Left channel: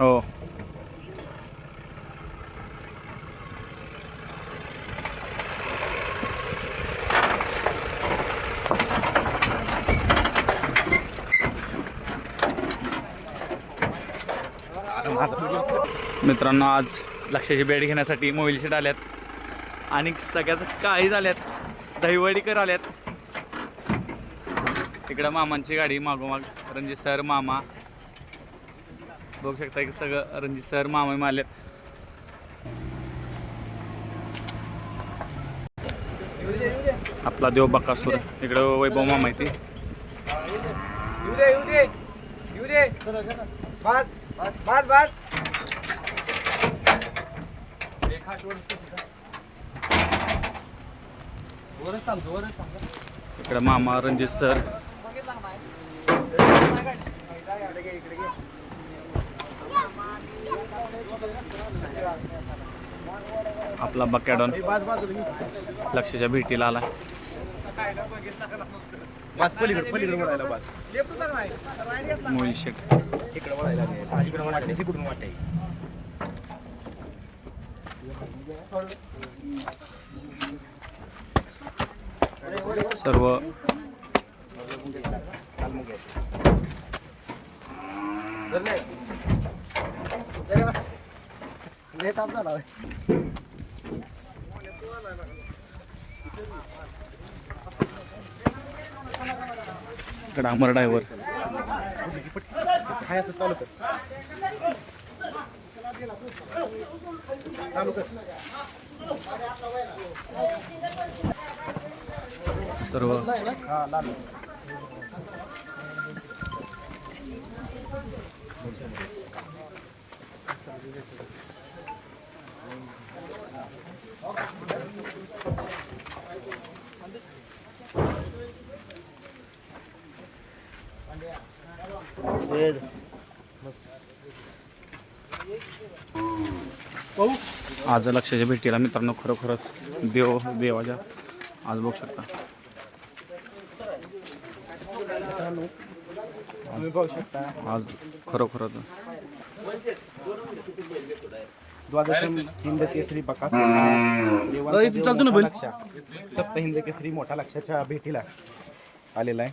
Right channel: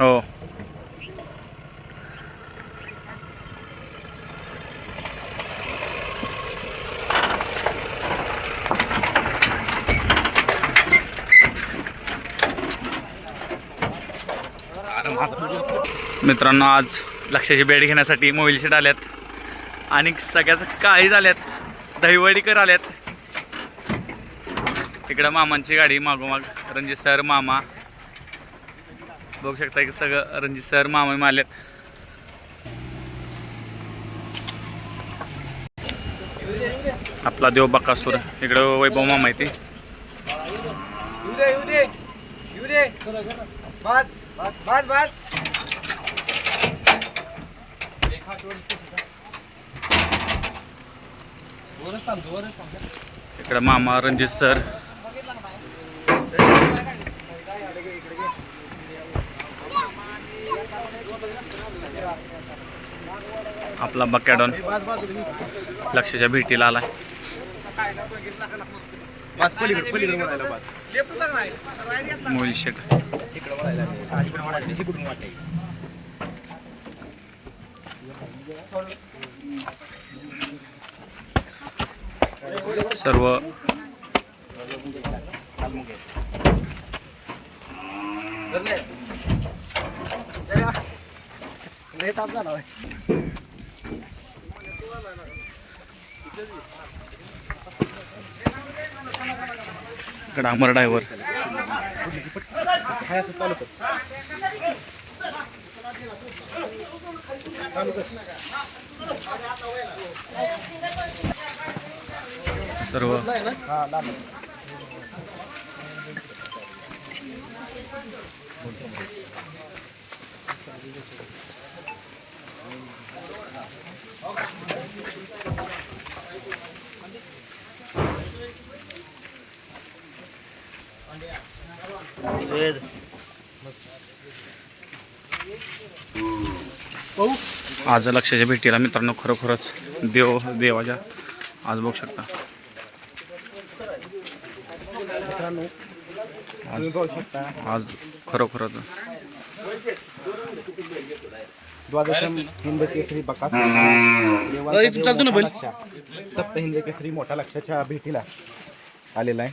हो. मित्रांनो आज लक्षाची बेड घेण्यासाठी मोबाईल शेट आल्यात. आणि सगळ्याच काळी झाल्यात. दहिवडीकर आल्यात. तिकडं मामांची गाडी मागोमाग. रणजित सर मामा. बघू शकता की सगळं रणजित सर मामा आल्यात आपला देव बकासूर. इकडं वैभव मामा आहे ती. इकडं मामा रणजित सर. आपला बकॅडॉन लक्षाच्या भेटीला आलाय. मोबाईल शेट. सर्व. इकडं अमर ड्रायव्हर. सर्व. आज लक्षाच्या भेटीला मित्रांनो खरोखरच देव देवाच्या. आज बघू शकता. बघू शकता आज खरोखरच. द्वादशम हिंद केसरी बका सप्त हिंद केसरी मोठा लक्षाच्या भेटीला आलेला आहे.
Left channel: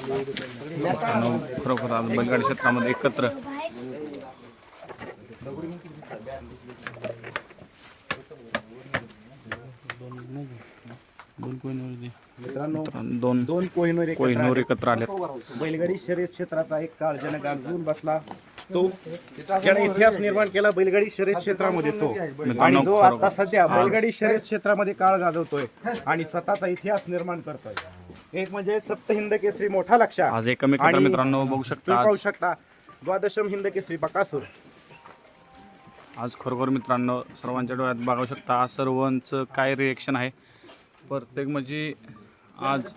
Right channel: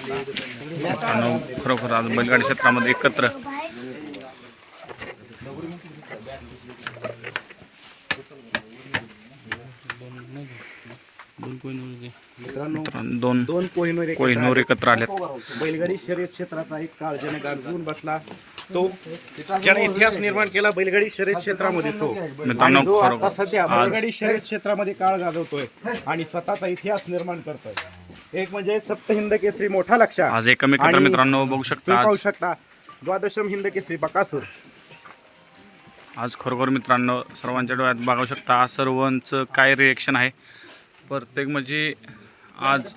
मित्रांनो खरोखर आज बैलगाडी क्षेत्रामध्ये एकत्र मित्रांनो दोन दोन कोहिनूर एकत्र कोहिनूर एकत्र आल्यात बैलगाडी शर्यत क्षेत्राचा एक काळ ज्याने गाजवून बसला तो. ज्याने इतिहास निर्माण केला बैलगाडी शर्यत क्षेत्रामध्ये तो. आणि जो आता सध्या बैलगाडी शर्यत क्षेत्रामध्ये काळ गाजवतोय आणि स्वतःचा इतिहास निर्माण करतोय. एक म्हणजे सप्त हिंद केसरी मोठा लक्ष आज एकमेकांतर आणि मित्रांनो बघू शकता पाहू शकता द्वादशम हिंद केसरी बकासूर. आज खरोखर मित्रांनो सर्वांच्या डोळ्यात बघू शकता सर्वांचं काय रिएक्शन आहे? प्रत्येक म्हणजे आज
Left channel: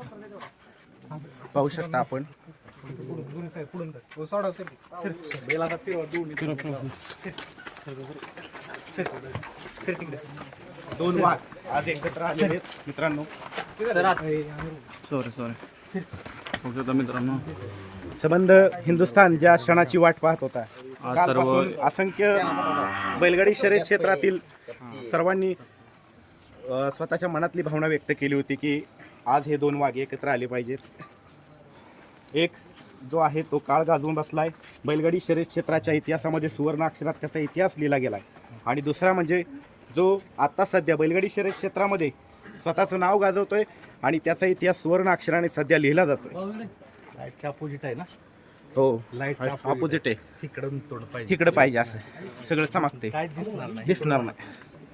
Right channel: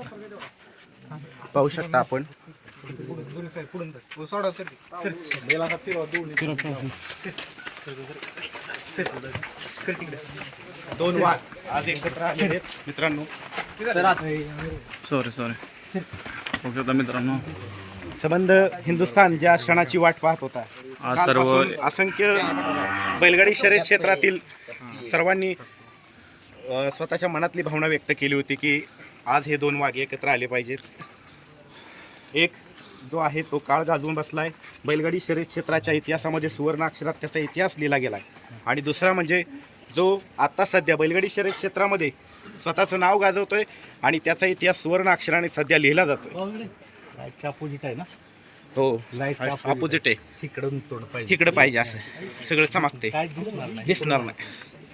पाहू शकता आपण. दोन वाघ आज एकत्र आले आहेत मित्रांनो. सॉरी सॉरी बघू शकता मित्रांनो. संबंध हिंदुस्थान ज्या क्षणाची वाट पाहत होता आज सर्व कालपासून असंख्य बैलगाडी शर्यत क्षेत्रातील सर्वांनी अ, स्वतःच्या मनातली भावना व्यक्त केली होती की आज हे दोन वाघ एकत्र आले पाहिजेत. एक जो आहे तो काळ गाजवून बसलाय. बैलगाडी शर्यत क्षेत्राच्या इतिहासामध्ये सुवर्ण अक्षरात त्याचा इतिहास लिहिला गेलाय. आणि दुसरा म्हणजे जो आता सध्या बैलगाडी शर्यत क्षेत्रामध्ये स्वतःचं नाव गाजवतोय आणि त्याचा इतिहास सुवर्ण अक्षराने सध्या लिहिला जातोय. लाईटच्या अपोजिट आहे ना? हो. लाइट ऑपोजिट आहे. तिकडून तोड पाहिजे इकडं पाहिजे असं. सगळं चमकते काय दिसणार नाही. दिसणार नाही.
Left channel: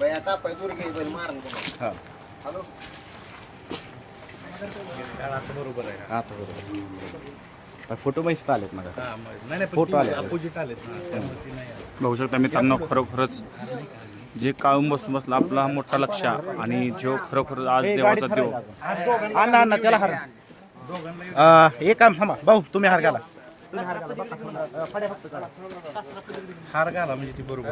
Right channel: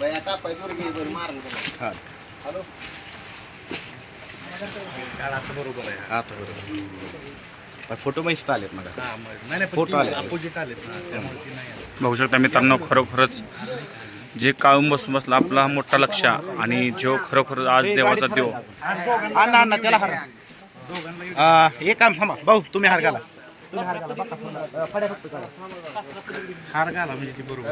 आता आता बरोबर फोटो मस्त आलेत मग फोटो आले बघू शकता मित्रांनो खरोखरच जे काळून बसून बसला आपला मोठा लक्ष आणि जो खरोखर आज देवाचा देव. अण्णा अण्णा त्याला एक काम थांबा. भाऊ तुम्ही हार घाला. हार घाला म्हणजे ती बरोबर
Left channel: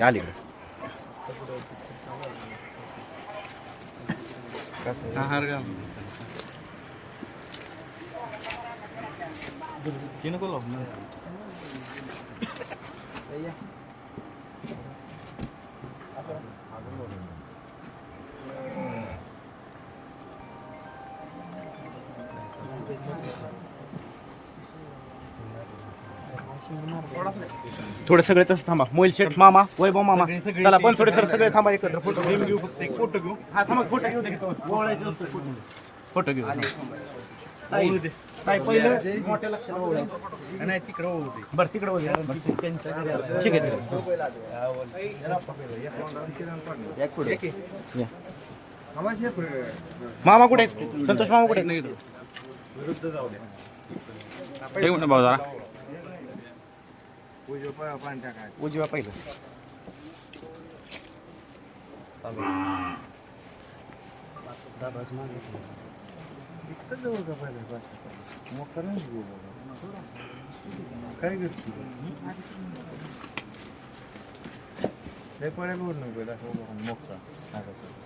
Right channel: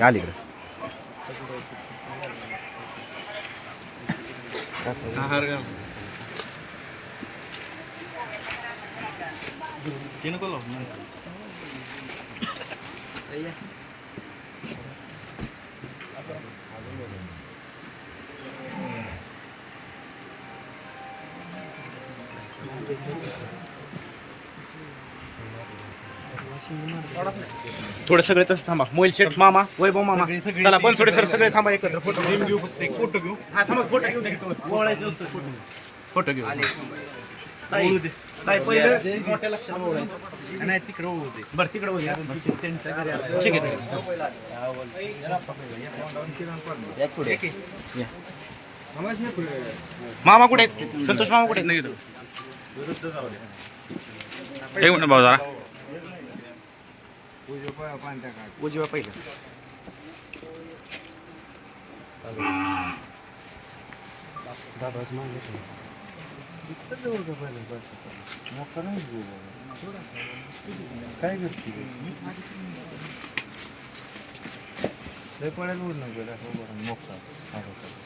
आली हार घाला थोडं सगळे तसं थांबा. मोबाईल शेट मामा वैभव मामा. चला पण थोडे सर सगळे थांबा एकत्र फोटो घेऊ एक फोटो घेऊ. हा थांबा फोटो घेऊ फोटो घेऊ ताई, ताई, पहिलं मोठ्या लक्षात ओळायचं. नाही तिकडे होऊ दे. बरं तिकडे होऊ ठीक आहे. मामा कुठे आहेत? संतोष मामा कुठे आहेत. एक मिनिट भाऊ जरा. उजव्या पहिले काय करते लय पडेल वरून गेला मोक्का हळूहळू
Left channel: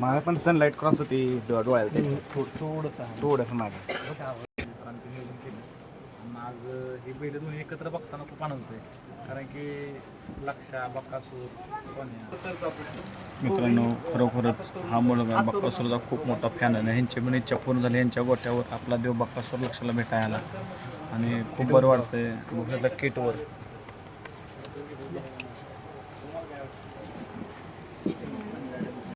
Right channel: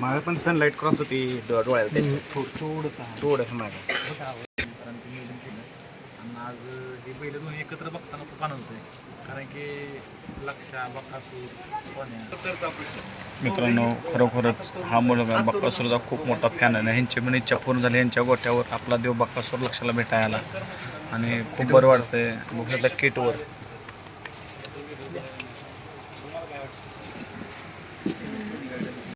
मागे पण सनलाईट क्रॉस होती डोळ्याला त्याच्या. थोडंसं मागे. आज हे बैल दोन्ही एकत्र बघताना तर पान होतंय. कारण की लक्षा बकासूर सोन्या. मित्रांनो खरोखरच हा मुलगा बक्कासूरचा खूप मोठा फॅन आहे. ह्यांची पण इच्छा पूर्ण झाली यांच्या गोट्यावर आपला देव बक्कासूर लक्षाला भेटायला. आणि खूप बरं वाटतंय. बघितलं किटवर.